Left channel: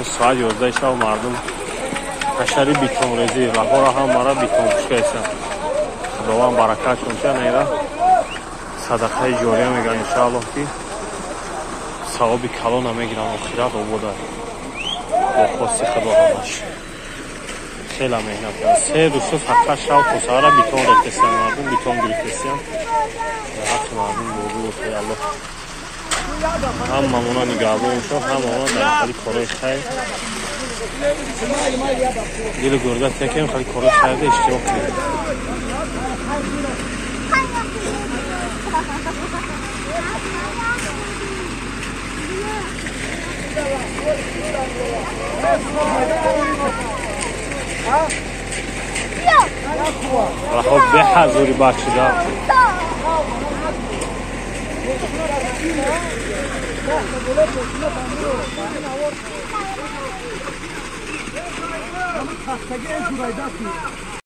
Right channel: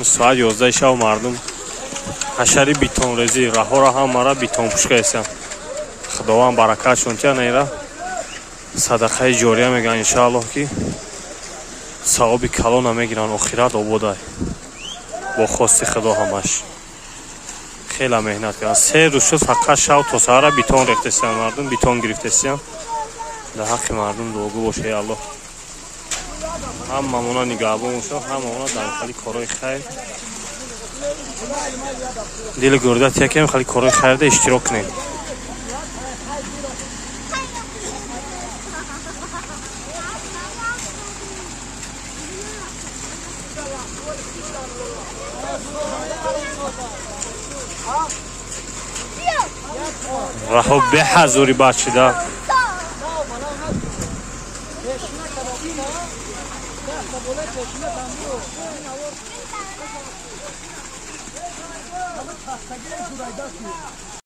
ساعت 11 شب مردم حشری بیتون رزی راه را هم مرا بیتون پوشکه هستن خداوند برکتشون تیا نیره صدقه جاریه میگن انشاءالله که ثواب کلان هم میگیرن آخرت آبادای با خواست خدا همش خیلی مهنت کردن 3 روز شد فقط شب تا سحر بیتون ریختن مردم بیتون گرفتن در حق مردم بودو باشه الله هم مامونا نگاه انشاء هم مامونا در خالی کارای خیر دل گردت یکم خالی کارای خیر ده اشتراک کنید و خب به حضوری بچه دار